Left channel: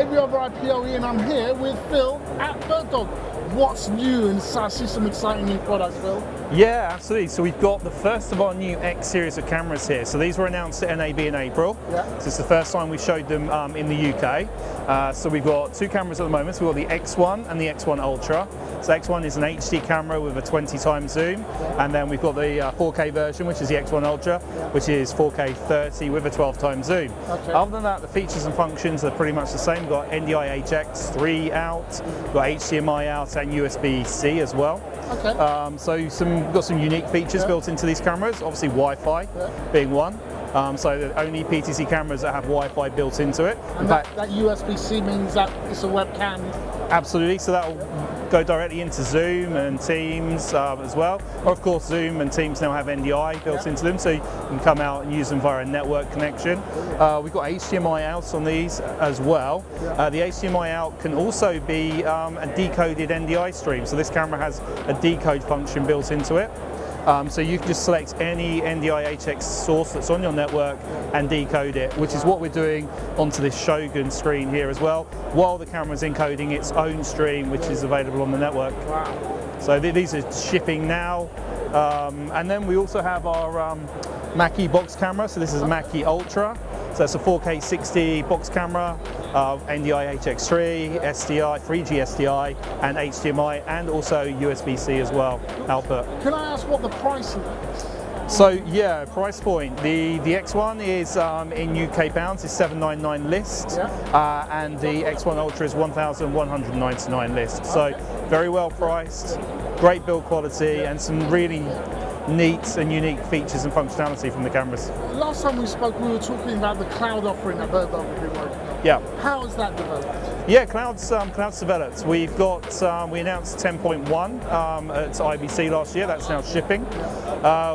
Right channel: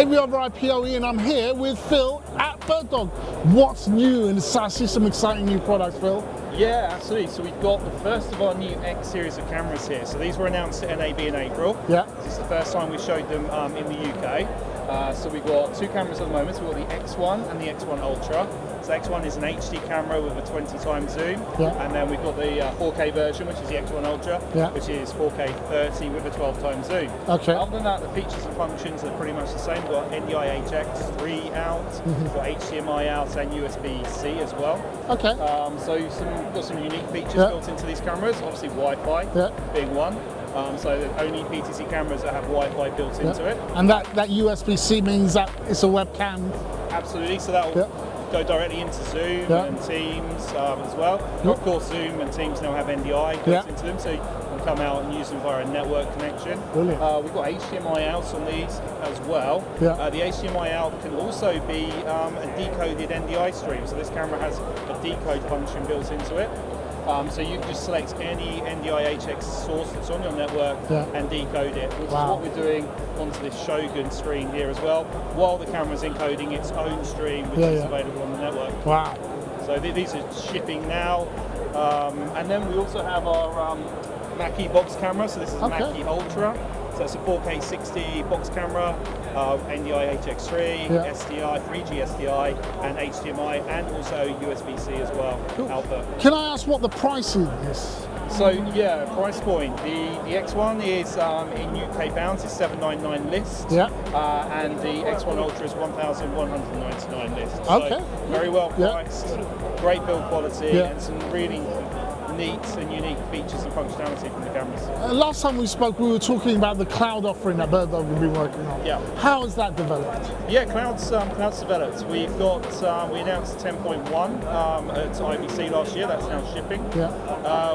AVoverIPoE, and I'm here with Phill at BirdDog. What's new? And I see some exciting new products, Phill. Yeah, absolutely. So we've got the first of our new X series of cameras here. So these were announced at NAB in April. Yeah. So it's the first time we showed them in the UK. So we've got two cameras at the moment. So we've got the X1 and the X1 Ultra. So X1 is an HD camera with a 20x zoom, yeah. And then we've got the 4K version, which is the X1 Ultra, yeah. which is 4K 30 with a 12x zoom. Okay. Other than that, the features and functions are pretty much the same. We've got NDI HX3 out, we've got HDMI out and USB C as well. Okay. So we've got some unique features built into these cameras, obviously Wi-Fi being one. So only PTZ cameras that have Wi-Fi built into it. And that USB C means that it's a webcam? Absolutely, so that'll go directly into Zoom and Teams as well. Of course, Zoom and Teams now have NDI built into them, so you can come out and use them via a network connection. We've got HDMI out on these as well. The HDMI out can also be a decoded NDI stream, so this camera has a decode function built into it. So you can just select any NDI HX source that's on your network and decode it, which is what we're doing onto this Shogun screen here as well, while the camera's encoding its own stream, which is available on the network. Wow. So these are shipping now. And then we also have our Maki box camera. So this is Maki Ultra. So it's a 4K 60 box camera, NDI HX3, SDI, 3G SDI, and HDMI, and also USB C as well, output. Can I ask what the price is? So yeah, price point. The X1 is in UK pounds is 799 list, and the X1 Ultra is 1,199 list. So very well priced, great build quality, and some really neat and unique features and functionality from the cameras. Last time we spoke, we were talking about the cloud offering that BirdDog will be working on. Yeah. How has that developed? Yeah, cloud's developed. We've got we announced 10.1 at IBC last year. That's now shipping.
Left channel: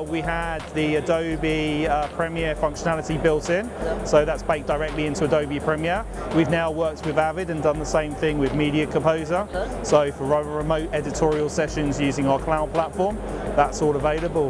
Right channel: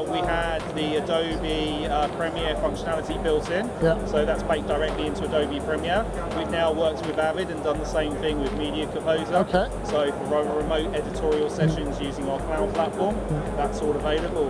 We had the Adobe Premiere functionality built in, so that's baked directly into Adobe Premiere. We've now worked with Avid and done the same thing with Media Composer. So for remote editorial sessions using our cloud platform, that's all available.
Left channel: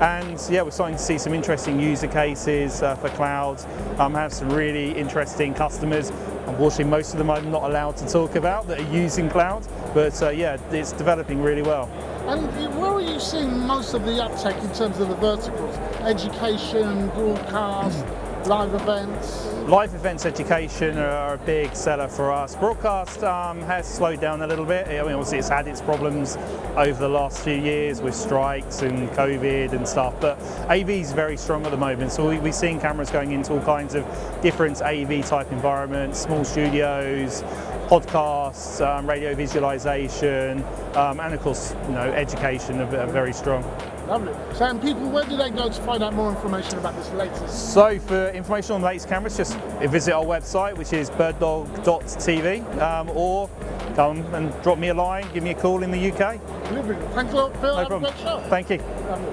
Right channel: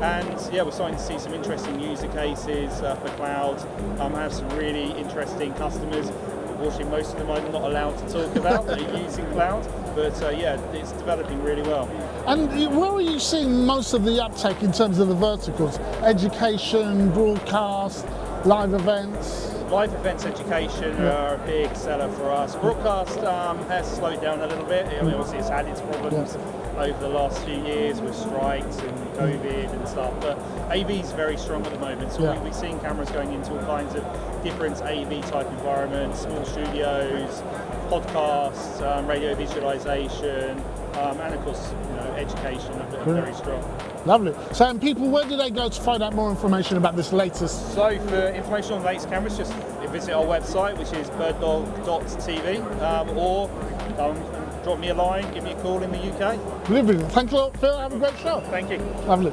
And yeah, we're starting to see some interesting user cases for cloud. Have some really interesting customers. Unfortunately, most of them I'm not allowed to talk about that are using cloud, but yeah, it's developing really well. And where are you seeing most of the uptake in terms of the verticals? Education, broadcast, live events? Live events, education are a big seller for us. Broadcast has slowed down a little bit. I mean, obviously it's had its problems over the last few years with strikes and COVID and stuff, but AV is very strong at the moment. So we're seeing cameras going into all kinds of different AV type environments, small studios, podcasts, radio visualization, and of course, education are very strong. Lovely. So, and people, where do they go to find out more information about this latest? So, for information on the latest cameras, just visit our website, which is birdDog.tv, or come and drop me a line, give me a call in the UK. Lovely. Thanks a lot, Phill. Have a great show. Thank you. Lovely.